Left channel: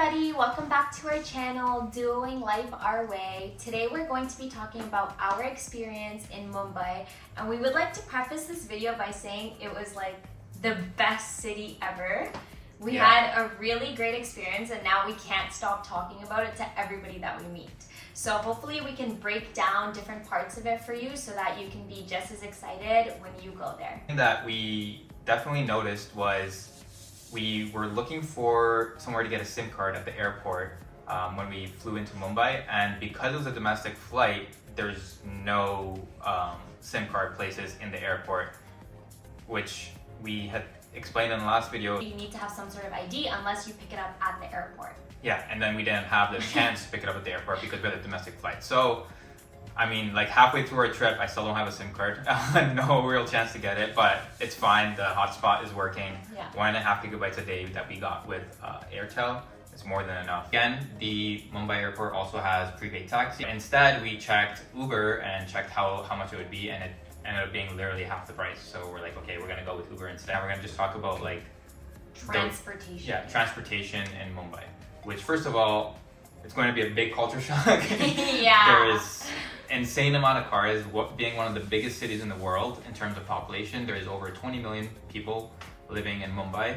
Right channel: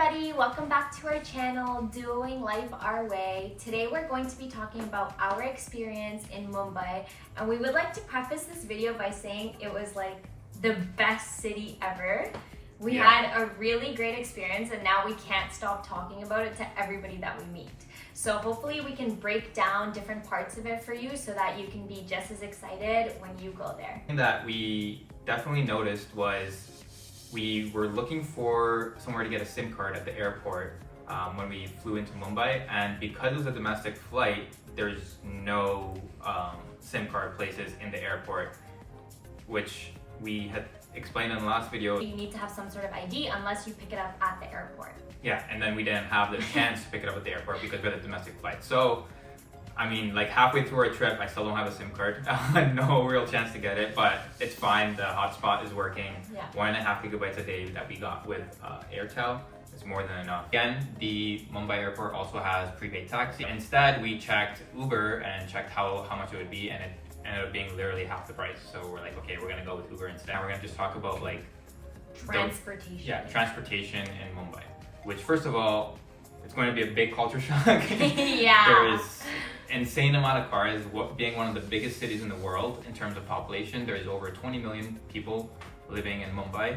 everybody, welcome back to our channel, Doing Life Our Way. Today we're going to be talking about our experience in Mumbai, and we would like to preface this video by saying it was like the best city ever. We had a really great experience and now we can't stop talking about it to everybody that we meet. So hopefully we can break down different parts of it for you so that you can be just as excited when you go there. That we definitely noticed was we were looking for somewhere to get a SIM card at the airport when we flew into Mumbai, and because it was a domestic flight, there's no SIM card places in the airport, which we had explained in the last video. You need to have some sort of ID unless you pick it up at the airport. Yeah, and then we didn't have the chance to pick it up at the airport because we had a domestic flight. So, I mean, like halfway through our trip, I still don't have a SIM card. No real chance to get it, but it's fine. The hotspot is working. Yeah. 1.5 gigabytes a day that we got with Airtel is more than enough. Again, the Mumbai airport also has prepaid taxi. Instead, we checked Uber and checked how much it would be, and it ended up being literally half the price. So we're like, okay, we're gonna go with Uber instead. We're gonna just talk about like transportation. Transportation in Mumbai. Which, first of all, it's going to be a big culture shock. Yeah. There is insane amount of cars. Being one of the biggest cities in the world in terms of population, there is over 20 million people living in Mumbai,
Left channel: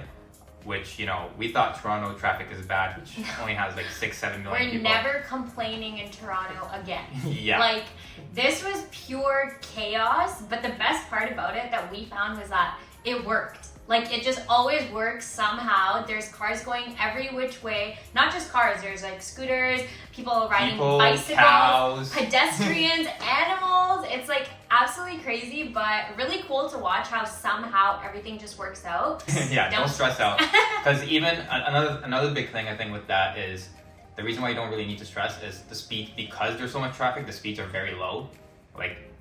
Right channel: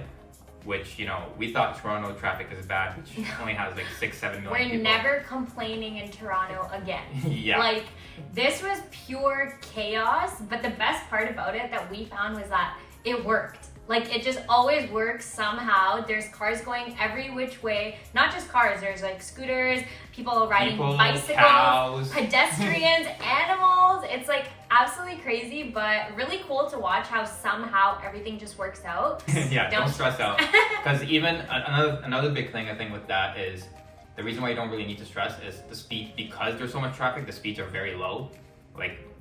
which, you know, we thought Toronto traffic is bad, which only has like 6-7 million people. We're never complaining in Toronto again. Yeah. Like, this was pure chaos, but the best part about it that we found was that it worked. Like, it just always works somehow. There's cars going every which way. Not just cars, there's like scooters, people riding bicycles, cows, pedestrians, animals. It's like absolutely crazy, but really cool to watch how somehow everything just works out. Yeah, don't stress out. Because even another big thing I think with that is the reason why you don't really need to stress is the speed. Because there's so much traffic, the speeds are very low. Like,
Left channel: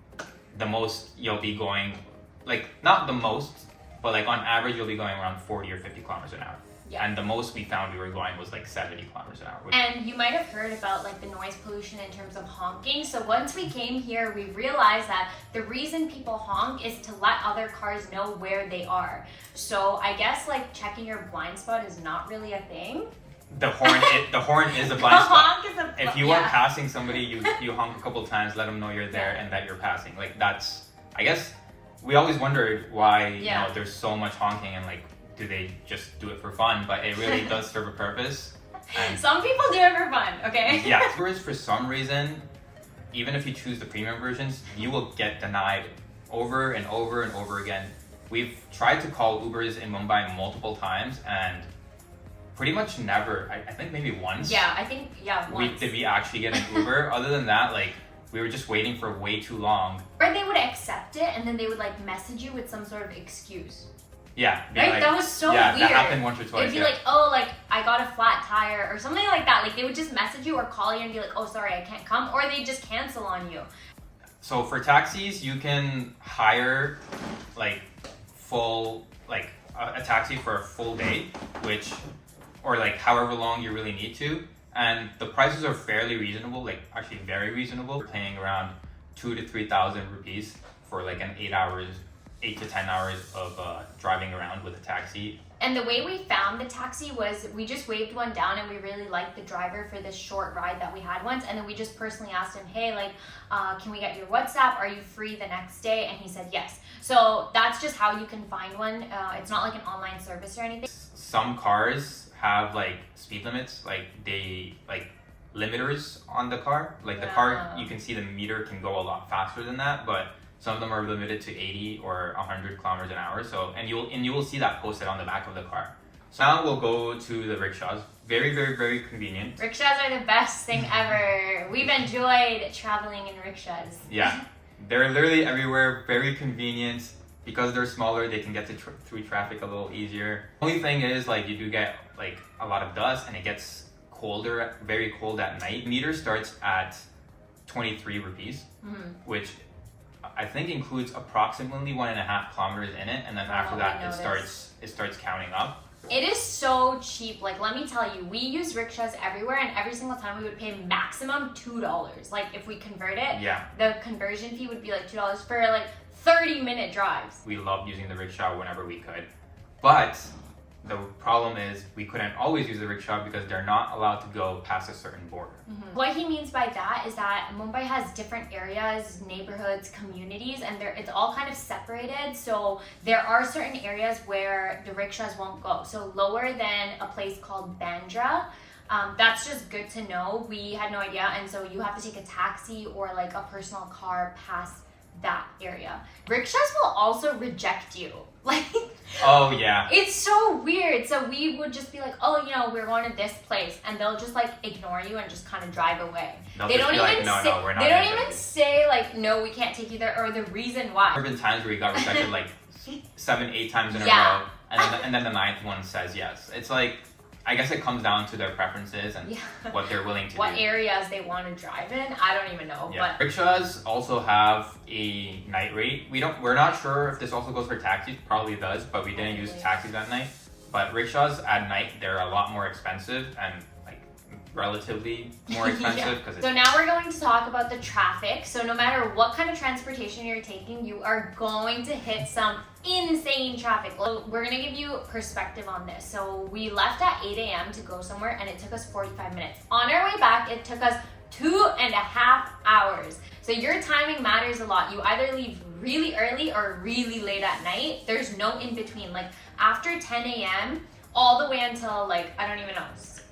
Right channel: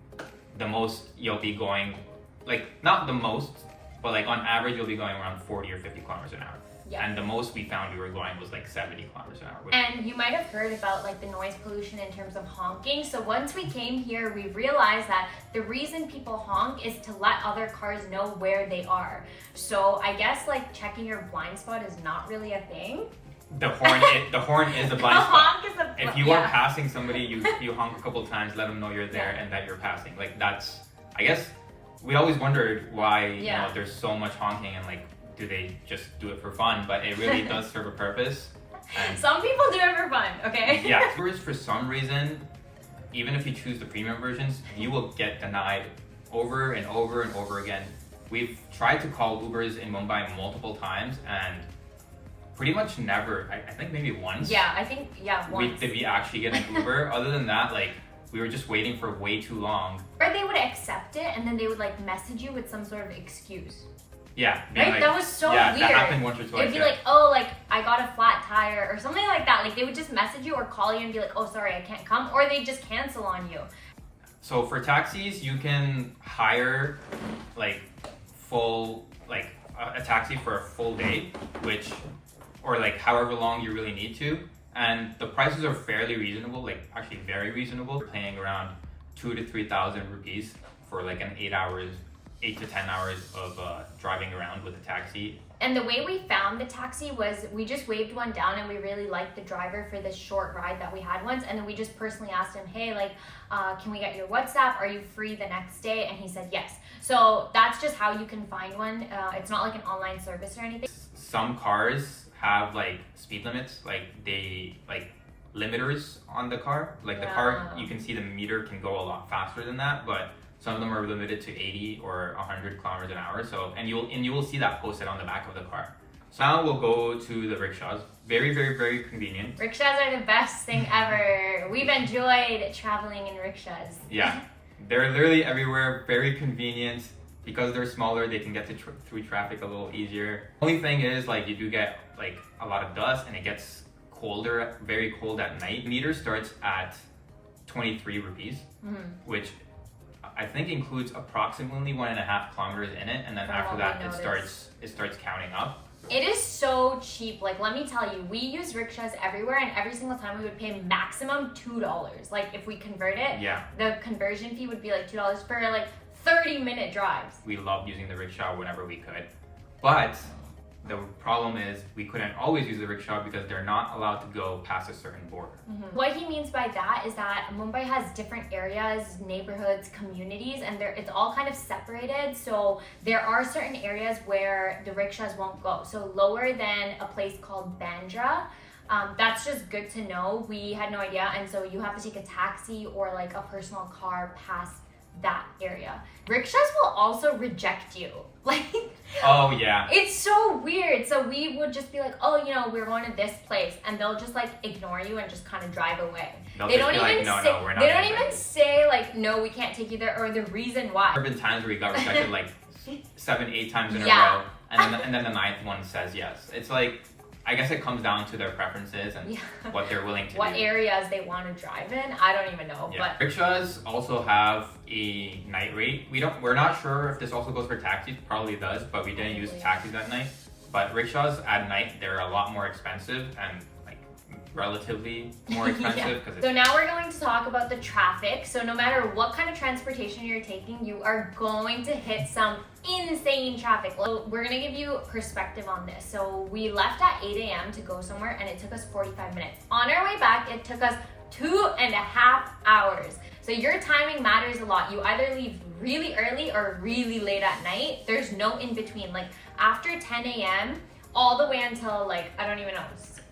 the most you'll be going, like, not the most, but like on average, you'll be going around 40 or 50 kilometers an hour. Yeah. And the most we found we were going was like 70 kilometers an hour. And you might have heard about like the noise pollution in terms of honking. So once we came here, we realized that the reason people honk is to let other cars know where they are. So I guess like checking your blind spot is not really a thing. The horn is a blind spot. Honk is If you are passing somebody, you honk a couple times, let them know you're there and that you're passing. Like, that's, I guess, we always wondered why you know there's so much honking, and like, do they just do it for fun? But it really does serve a purpose. And some people do it for fun, okay? Yeah, Ubers, for some reason, even if you choose the premium versions, you will get denied over and over and over again. We've tried to call Ubers in Mumbai multiple times and pretty much never, I think maybe once. Yeah, I think, once. Did we actually get an Uber? Other than that, like, we were just waiting for way too long. Or they would accept it and then they would like message you with some sort of excuse. Yeah. Right? Like, that was so yeah, weird. That happened once or twice. It'd be like, oh, like, I got a flat tire or something like that. Like, they would just message you or call you and be like, oh, sorry, I can't come. Or they just cancel on you. So for taxis, you can hire like full, like a taxi for a full day, or like however long you really need to. And the prices are fairly reasonable, like actually very reasonable. We're paying around 2,000 to 3,000 rupees for like an 8 to 10 hours of driving around with a taxi. And the way we found the taxi was we just waved one down and we really liked the driver for this short ride that we had once. And then we just personally asked him, hey, like, can we get your WhatsApp? Are you free the next day? And he said yes. So that's just how you can find one. It's not like an online service or anything. Some cars have like speed limits, like they like limiters on the car. Like the car, you can see the meter can go a lot faster than that, but some of them are limited to 80 or 100 kilometers an hour. So, and you will see that posted on the back of the car. So now we'll go to the rickshaws. Very, very, very convenient. Rickshaws are the best thing ever. We've enjoyed traveling in rickshaws. Yeah, they're literally everywhere. Very convenient. Because they're smaller, they can get through traffic a little easier. Only thing is, like, you do get like a lot of dust and it gets colder, very cold at night. Meter starts at 23 rupees, which I think includes approximately 1.5 kilometers in it, and then after that it starts counting up. It is so cheap. Like, let me tell you, we use rickshaws everywhere, and every single time we would pay maximum $2. Like, if we convert it, the conversion fee would be like $2 for like 30-minute drives. We loved using the rickshaw whenever we could, but The problem is we couldn't always use the rickshaw because they're not allowed to go past a certain border. What he means by that is that Mumbai has different areas, neighborhoods, communities, and it's all kind of separated. So there are certain areas where the rickshaws won't go. So lower than a place called Bandra. That's just good to know. We had no idea, and so you have to take a taxi or like a personal car past that area. Rickshaws will also reject you. Like, oh yeah, it's so weird. So we would just be like, oh, you know, we're going to this place, and they'll just like ignore you and just kind of drive away. They don't even say, no, we're not. They don't even say like, no, we can't take you there, or the reason why. There have been times where we got rejected like 7-8 times in a row, and then the 9th one says yes. It's like, I guess it comes down to their preferences and what they're willing to do. What areas they want to drive in, I don't even know. Yeah. But rickshaws also have a night rate. We're not sure if this also goes for taxis. Probably does, but we didn't use taxis at night. But rickshaws at night, they're a lot more expensive and like relatively more expensive. So now we're going to talk about the traffic. So no matter what kind of transportation you're taking, you are going to hit some insane traffic. Well, we're gonna give you perspective on this. So we left at 8 a.m. to go somewhere, and it took us 45 minutes. On our way back, it took us 2.5 hours. So your timing matters a lot. You either leave really early or really late at night. There's no in between. Like after 10 a.m. all the way until like, I don't even know,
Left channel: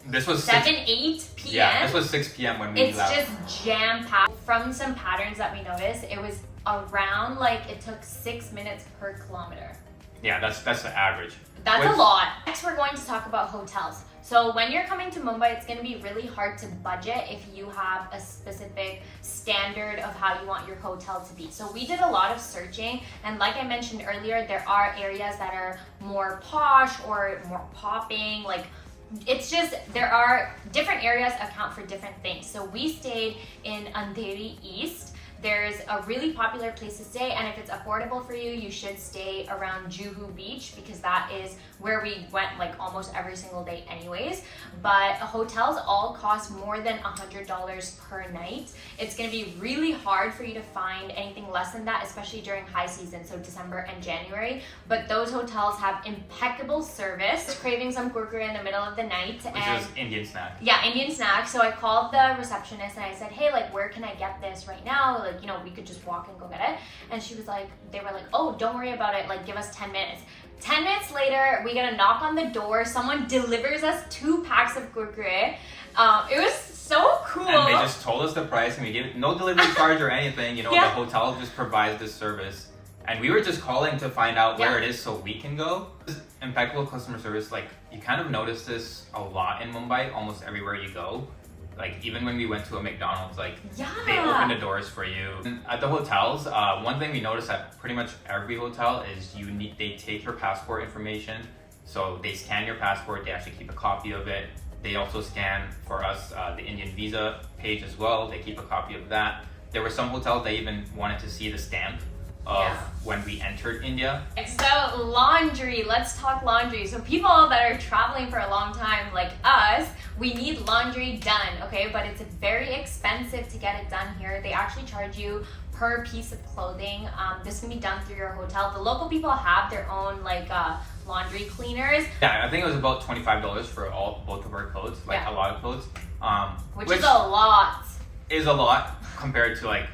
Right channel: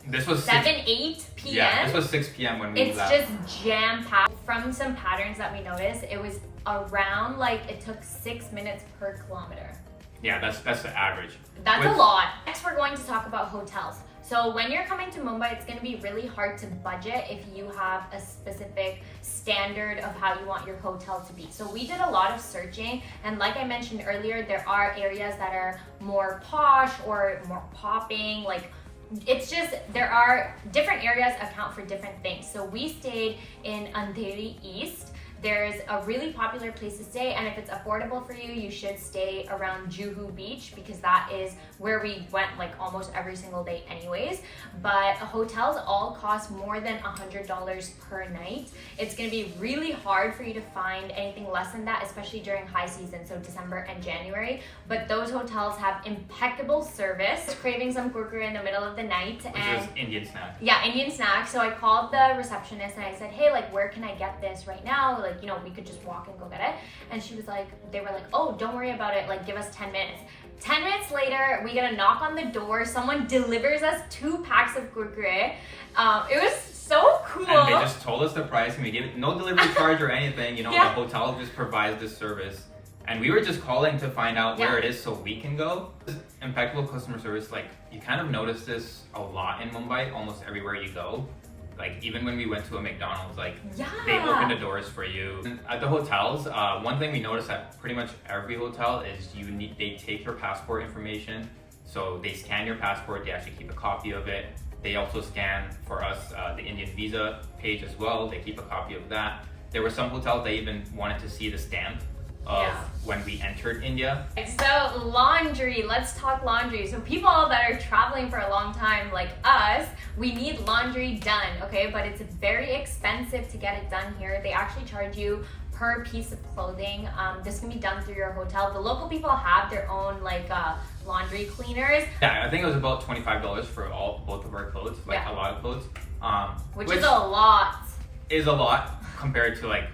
this was 8 p.m. Yeah, this was 6 p.m. when we left. It's just jam-packed. From some patterns that we noticed, it was around like it took 6 minutes per kilometer. Yeah, that's the average. That's a lot. Next, we're going to talk about hotels. So when you're coming to Mumbai, it's going to be really hard to budget if you have a specific standard of how you want your hotel to be. So we did a lot of searching, and like I mentioned earlier, there are areas that are more posh or more popping, like it's just, there are different areas account for different things. So we stayed in Andheri East. There's a really popular place to stay, and if it's affordable for you, you should stay around Juhu beach because that is where we went like almost every single day anyways. But hotels all cost more than $100 per night. It's gonna be really hard for you to find anything less than that, especially during high season, so December and January. But those hotels have impeccable service. Craving some kurkure in the middle of the night. Which is Indian snack. Yeah, Indian snack. So I called the receptionist and I said, hey, like where can I get this right now? Like, you know, we could just walk and go get it. And she was like, they were like, oh, don't worry about it. Like, give us 10 minutes. 10 minutes later, we get a knock on the door. Someone delivers us 2 packs of kurkure. It was so cool. And they just told us the price, and we gave no delivery charge or anything. You know, the hotel just provides this service. And we were just calling to find out where it is so we can go. Impeccable customer service. Like, you kind of notice this a lot in Mumbai, almost everywhere you go. Like, even when we went to a McDonald's, like, they open the doors for you. At the hotels, one thing we noticed at pretty much every hotel is they take your passport information. So they scan your passport, they actually keep a copy of it. They also scan, for us, the Indian visa page as well. They keep a copy of that. There were some hotels that even wanted to see the stamp of when we entered India. So laundry, let's talk laundry. So people that are traveling for a long time like us, we need laundry done, okay? But it's very expensive to get it done here. They actually charge you per piece of clothing. This can be done through your hotel. The local people have their own like laundry cleaners. Yeah, I think it was about $25 for both of our clothes, like a lot of clothes. Which is a lot. Is a lot compared to like,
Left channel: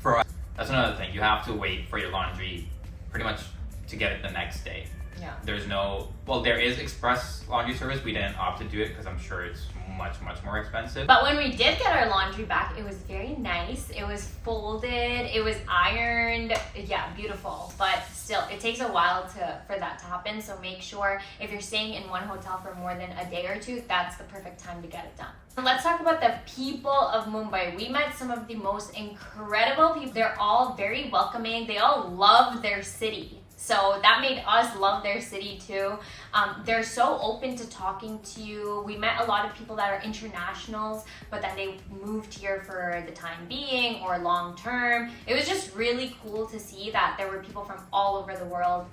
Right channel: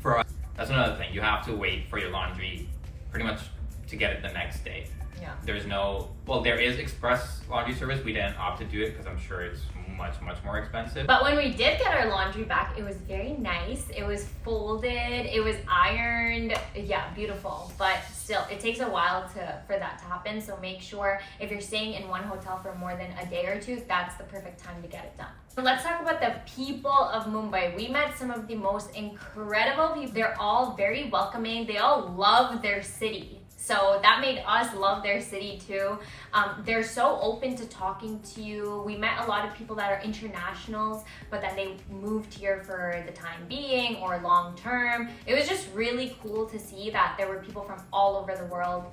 for us. That's another thing. You have to wait for your laundry pretty much to get it the next day. Yeah. There's no, well, there is express laundry service. We didn't opt to do it because I'm sure it's much more expensive. But when we did get our laundry back, it was very nice. It was folded, it was ironed. Yeah, beautiful. But still, it takes a while for that to happen. So make sure if you're staying in one hotel for more than a day or two, that's the perfect time to get it done. So let's talk about the people of Mumbai. We met some of the most incredible people. They're all very welcoming. They all love their city. So that made us love their city too. They're so open to talking to you. We met a lot of people that are internationals, but then they moved here for the time being or long term. It was just really cool to see that there were people from all over the world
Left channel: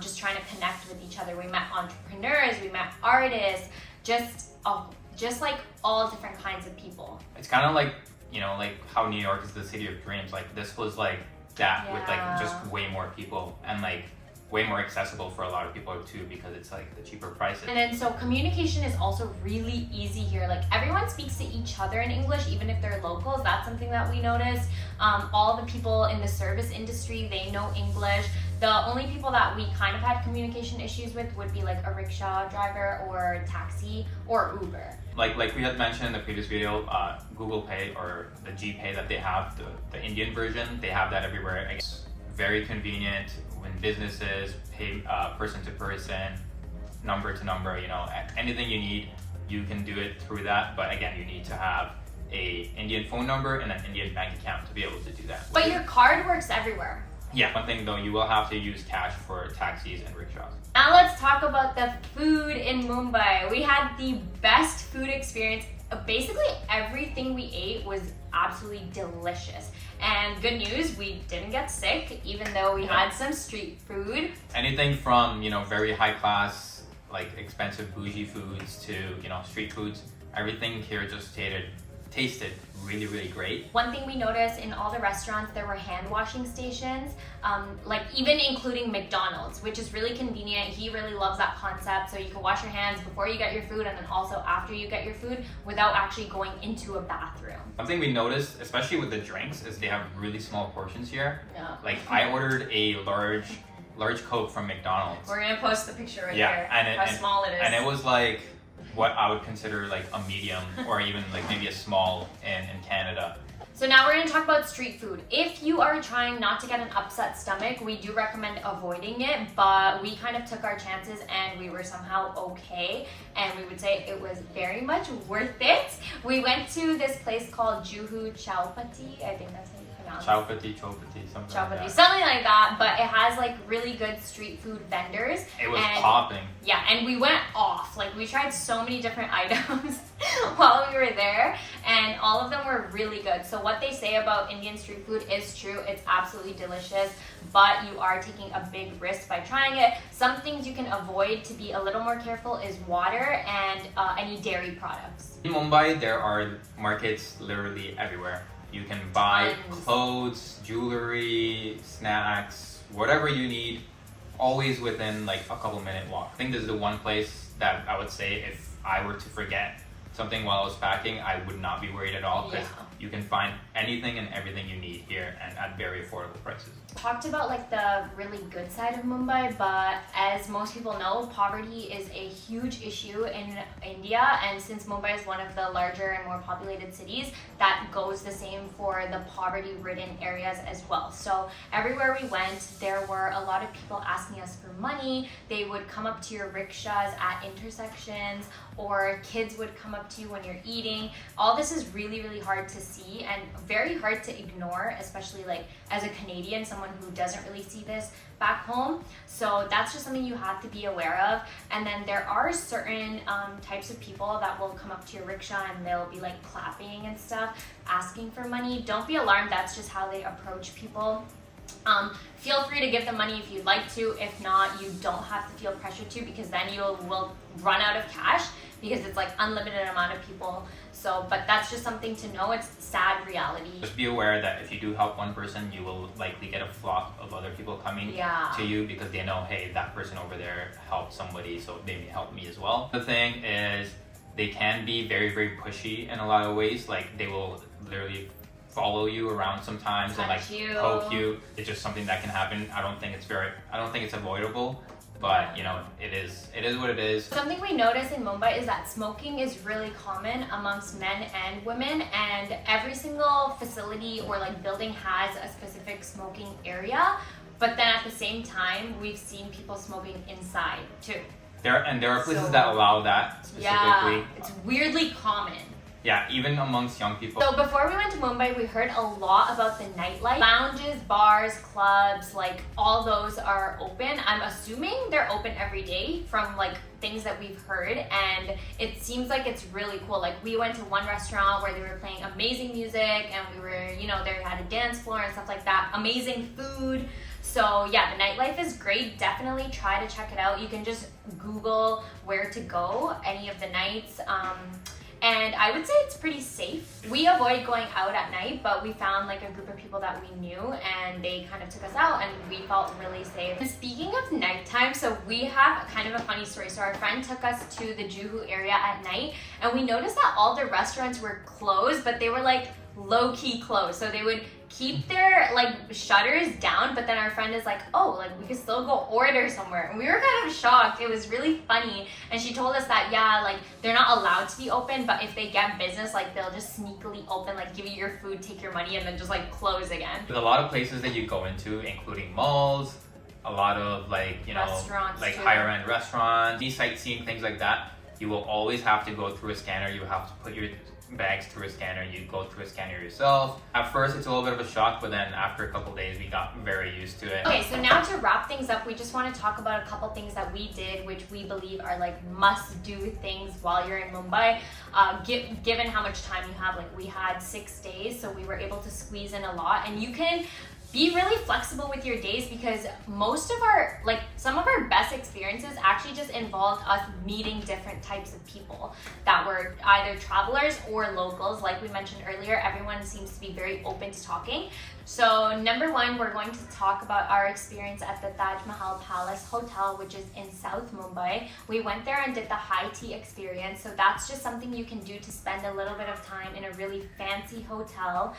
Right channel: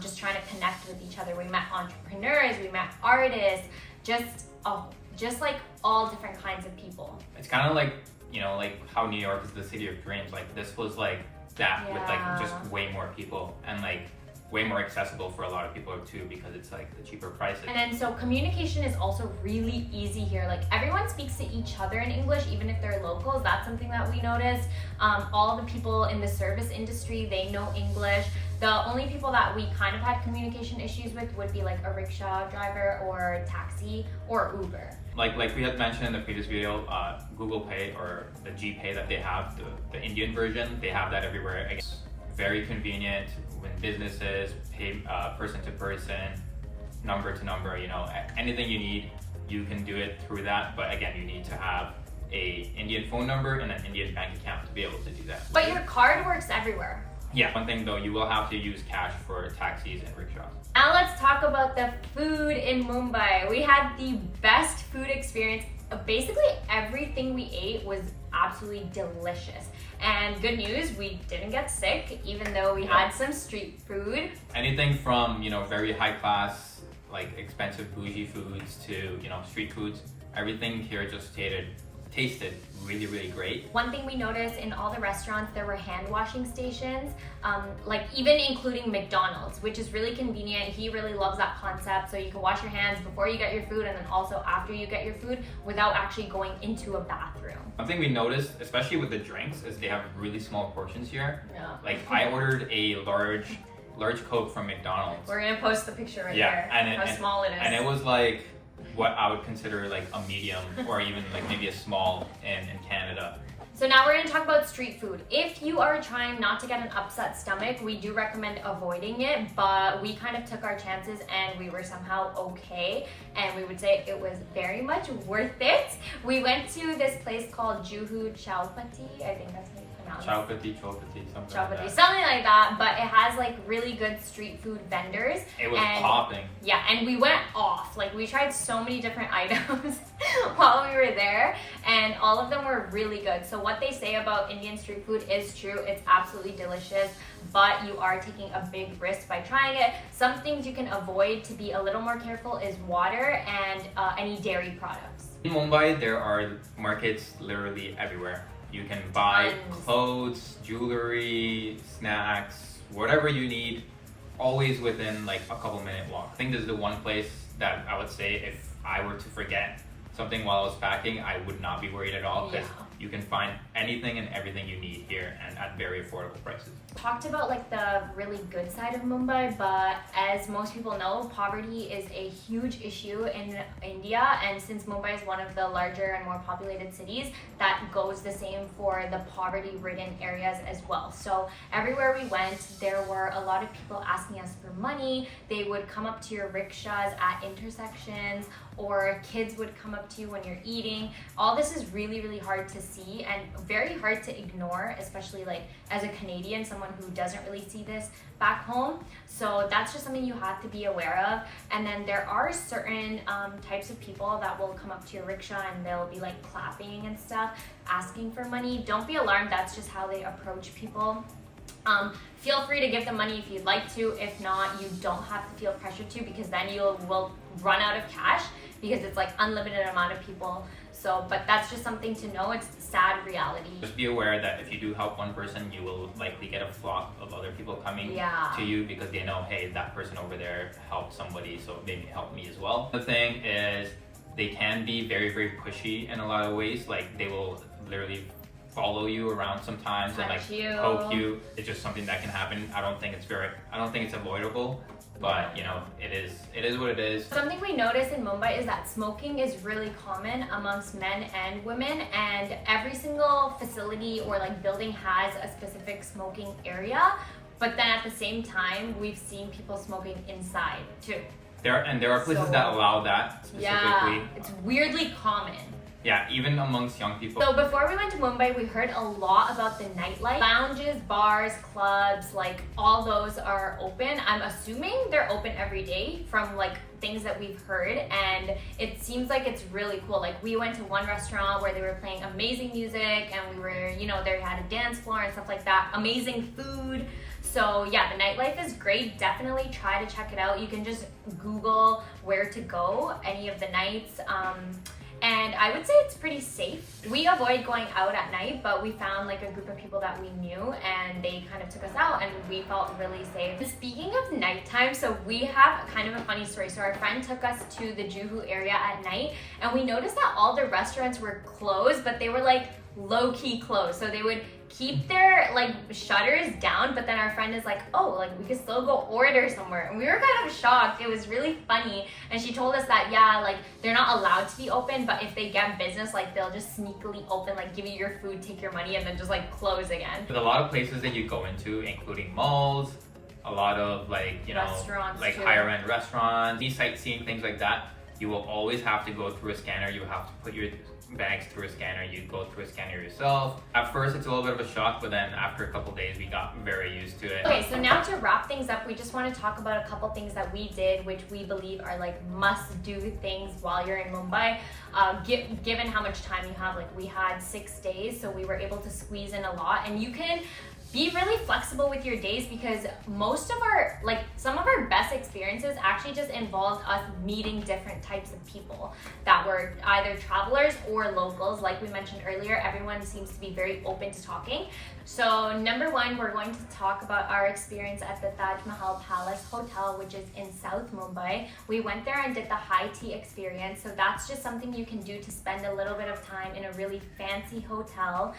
just trying to connect with each other. We met entrepreneurs, we met artists, just like all different kinds of people. It's kind of like, you know, like how New York is the city of dreams. Like this was like that with like just way more people, and like way more accessible for a lot of people too, because it's like the cheaper prices. And then so communication is also really easy here. Like everyone speaks to each other in English, even if they're locals. That's something that we noticed. All the people in the service industry, they know English. The only people that we kind of had communication issues with would be like a rickshaw driver or taxi or Uber. Like we had mentioned in the previous video, Google Pay or the GPay that they have, the Indian version, they have that everywhere. It's very convenient when businesses pay person to person, number to number, you know, anything you need, you can do it through that. But again, you need to have a Indian phone number and an Indian bank account to be able to do that. But your card works everywhere. Yeah, one thing though, you will have to use cash for taxis and rickshaws. Now let's talk about the food in Mumbai. We had the best food experience. Basically everything we ate was absolutely delicious. And good news, we didn't get sick, even though we had some street food. Anything from, you know, very high class, like expensive bougie foods to, you know, street foods, everything here just tasted really, really great. One thing we noticed in all the restaurants, there were hand washing stations, like even including McDonald's, which is really convenient. He really loves that concept. So you can wash your hands before you get your food and then also after you get your food without actually going into a bathroom. One thing we noticed, especially with the drinks, is they have really small portions here. Yeah. Like I ordered a large Coke from McDonald's. We're gonna post the picture right there, how small it is. And it was like what I would consider like a medium or even like maybe a small in Canada. So now we're going to talk about street food. If you are trying not to get an upset stomach, we do recommend avoiding it, but we kind of took our chances and we were somehow okay, and we would say it was very much worth it. We went to this place called Juhu Chowpatty, I think that's how you pronounce it. Chowpatty, something like that, but it has like really good street food vendors. It was popping. Yeah, and we went off. Like we tried so many different items while we were there, and all of them were really good. So what they say about Indian street food is true. It's absolutely delicious, but you are taking a big risk by trying it. Some things you can avoid to be a little more careful is water and any dairy products. In Mumbai, there are markets literally everywhere. You can buy clothes, jewelry, snacks, whatever you need, always within like a couple minute walk. I think this is the one place that I would say if I were to forget something while I was packing, I would not be worried at all, because you can find anything and everything you need here and at very affordable prices. Talked about like the really good side of Mumbai, but as most people know, poverty is a huge issue in India, and since Mumbai is one of the larger and more populated cities, that goes the same for the poverty-ridden areas as well. So everywhere we went, there were a lot of people asking us for money. They would come up to your rickshaws at intersections, or kids would come up to you when you're eating. All this is really, really hard to see and very hard to ignore, especially like as a Canadian, someone who doesn't really see this back home. So that's just something you have to be aware of. And then there are certain types of people that will come up to your rickshaw and they'll be like clapping and stuff, asking for money. Don't be alarmed, that's just how they approach people. Feel free to give them money if you'd like to. If not, you don't have to feel pressured to, because then you will run out of cash, because it's like unlimited amount of people. So, but that's just something to know. It's sad reality. Just be aware that if you do help one person, you will likely get a flock of other people coming to you, because they know, hey, that person over there helped somebody, so maybe help me as well. The thing is, they can be very, very pushy in a lot of ways. Like they will literally follow you around sometimes and like poke you. It's just something that can happen. I don't think it's avoidable, but you know, it is what it is. Something we notice in Mumbai is that smoking is really common amongst men and women, and every single facility or like building has a specific smoking area, but then at the same time we've seen people smoking inside too. There are places that allow that specifically. Yeah, it's weirdly common. Yeah, even amongst young people. So before we went to Mumbai, we heard a lot about the nightlife. Lounges, bars, clubs, like all those are open. I'm assuming they're open every day from like things that we've heard, and it seems like it's really cool. Like we went to one restaurant where they were playing amazing music, and we were, you know, they had a dance floor and stuff like that. Amazing food. So yeah, the nightlife is great. Definitely try to check it out. You can just Google where to go any of the nights. and I would say it's pretty safe. We avoid going out at night, but we found like a group of people that we knew and they kind of took us out and we felt really safe. And speaking of nighttime, so we have kind of a funny story. So our friend took us to the Juhu area at night and we noticed that all the restaurants were closed, but they were like low-key closed. So they would keep their like shutters down, but then our friend is like, oh, like we could still go order somewhere. And we were kind of shocked. It was really funny. And she told us that, yeah, like they're not allowed to be open, but if they get business, like they'll just sneakily open, like give you your food, take your money, and then just like close again. There's a lot of places that you go into, including malls, a lot of like, you know, restaurants like too. higher end restaurants, these sightseeing, things like that. You will always have to go through a scanner. You have to put your bags through a scanner. You go through a scanner yourself. At first it's a little bit of a shock, but then after a couple days we got very used to it. Okay, so now to wrap things up, we just want to talk about a couple things that we did which we believe are like must do things while you're in Mumbai. Given how much time you have, like we had 6 days, so we were able to squeeze in a lot, and you can be really flexible with your days because most of our, like some of our best experiences actually just involved us meeting different types of people that were either travelers or locals. Like we mentioned earlier, everyone seems to be very open to talking. So number one, we're going to talk about our experience at the Mahal Palace Hotel, which is in South Mumbai. We went there and did the high tea experience. So that's just something you can do to spend a little bit of time in a really fancy hotel.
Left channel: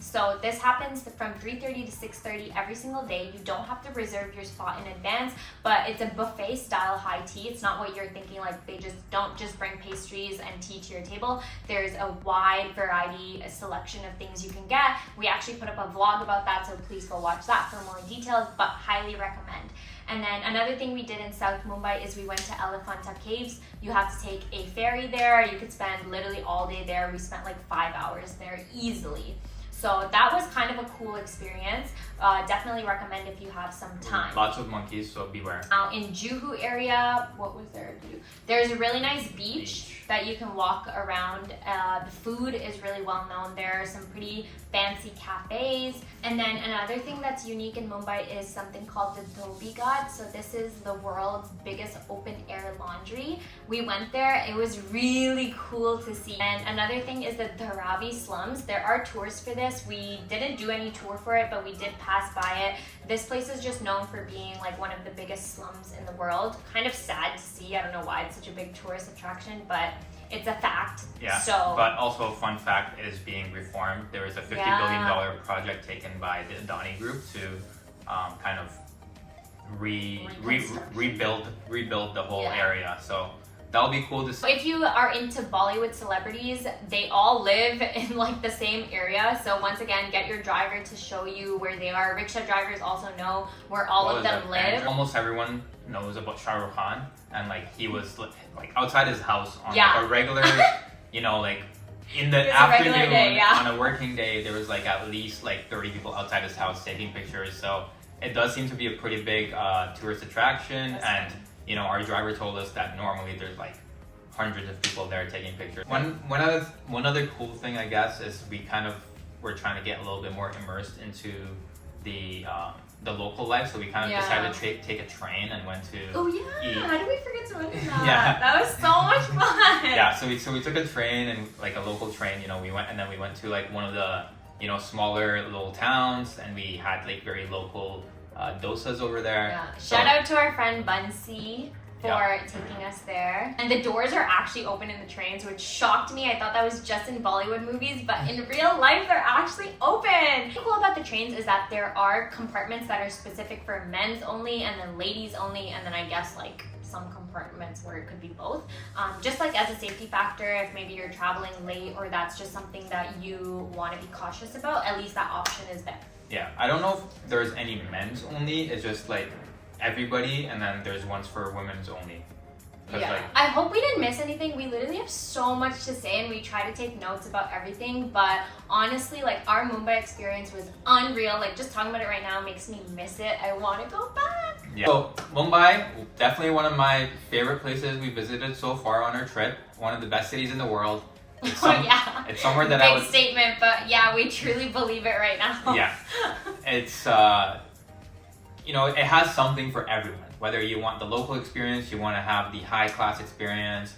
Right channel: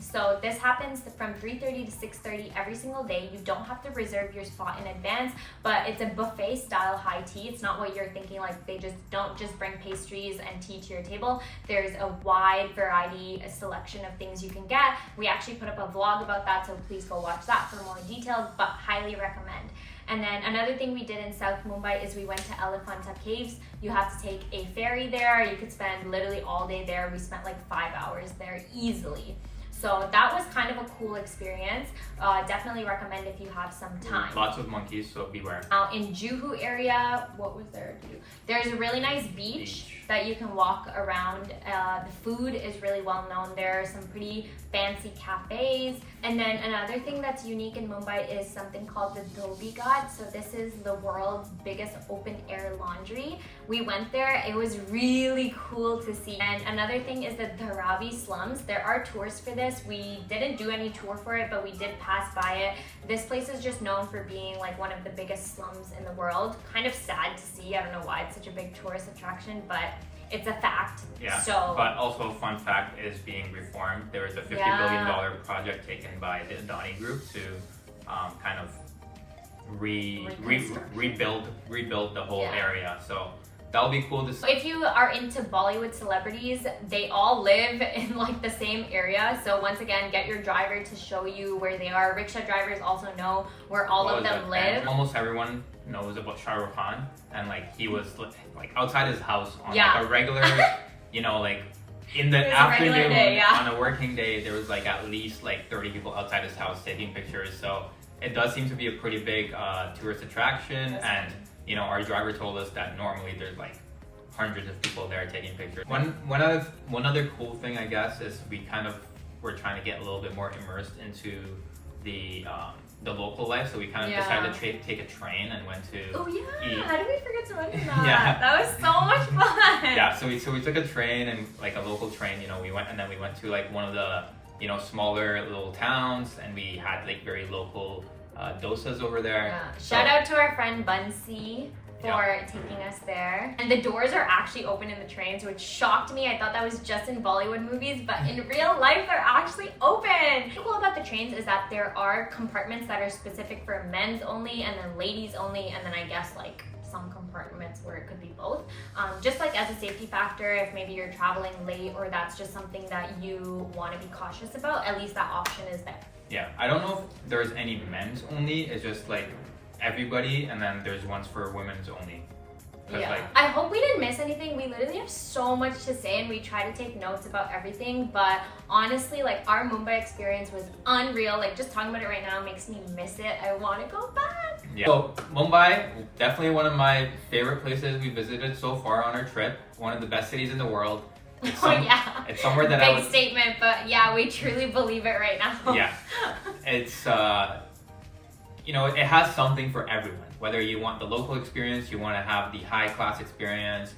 So this happens from 3:30 to 6:30 every single day. You don't have to reserve your spot in advance, but it's a buffet style high tea. It's not what you're thinking, like they don't just bring pastries and tea to your table. There's a wide variety, a selection of things you can get. We actually put up a vlog about that, so please go watch that for more details, but highly recommend. And then another thing we did in South Mumbai is we went to Elephanta caves. You have to take a ferry there. You could spend literally all day there. We spent like 5 hours there easily. So that was kind of a cool experience. Definitely recommend if you have some time. Lots of monkeys, so beware. Now in Juhu area, what was there to do? There's a really nice beach that you can walk around. The food is really well known. There are some pretty fancy cafes. And then another thing that's unique in Mumbai is something called the Dhobi ghat. So this is the world's biggest open air laundry. We went there. It was really cool to see. And another thing is the Dharavi slums. There are tours for this. We didn't do any tour for it, but we did pass by it. This place is just known for being like one of the biggest slums in the world. Kind of sad to see. I don't know why it's such a big tourist attraction, but it's a fact. Yeah. So, but also a fun fact is being reformed. There was a $50 billion project taken by the Adani Group to kind of rebuild the whole area. So that'll be cool to see. If you are into Bollywood celebrities, they all live in like the same area. So once again, get your driver to show you where they are. Rickshaw drivers also know where all of them live. Almost everyone knows about Shah Rukh Khan, and like he was like outside his house on like a regular, you know, like in the afternoon on a working day, there was like at least like 30 people outside his house taking pictures. So it does seem to be a pretty big tourist attraction. And you know, our driver told us that normally there's like hundreds of people there taking pictures. One other cool thing, I guess, is we kind of were trying to get a little bit more immersed into the local life. So we kind of decided to take a train and went to eat. How did we forget to mention that? That was so much fun. Yeah, so we took a train, and like a local train, you know, we went to like one of the, you know, smaller little towns, and we had like very local dosas over there. Yeah. Shout out to our friend Bunsi for taking us there. And the doors are actually open in the trains, which shocked me. I thought that was just in Bollywood movies, but in real life, they're actually open. What's cool about the trains is that there are compartments that are specific for men's only, and then ladies only, and then I guess like some compartments where it could be both. Just like as a safety factor, if maybe you're traveling late or that's just something that you want to be cautious about, at least that option is there. Yeah, I don't know if there's any men's only. It's just like everybody, and then there's ones for women's only. Yeah, like, I hope we didn't miss anything. We literally have so much to say, and we try to take notes about everything, but honestly, like our Mumbai experience was unreal. Like just talking about it right now makes me miss it. I want to go back. Yeah. So Mumbai, definitely one of my favorite places we visited so far on our trip. One of the best cities in the world. It's somewhere that I would... Big statement, but yeah, we truly believe it right now. Yeah. It's, you know, it has something for everyone. Whether you want the local experience, you want to have the high class experience,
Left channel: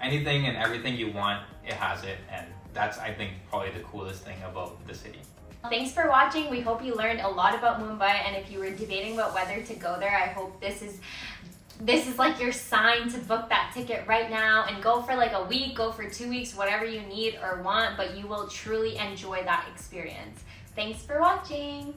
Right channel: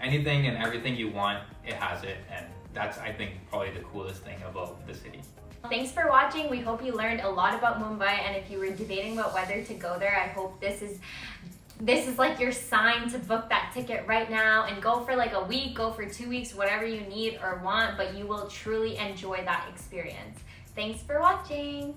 anything and everything you want, it has it, and that's, I think, probably the coolest thing about the city. Thanks for watching. We hope you learned a lot about Mumbai, and if you were debating about whether to go there, I hope this is like your sign to book that ticket right now and go for like a week, go for 2 weeks, whatever you need or want, but you will truly enjoy that experience. Thanks for watching.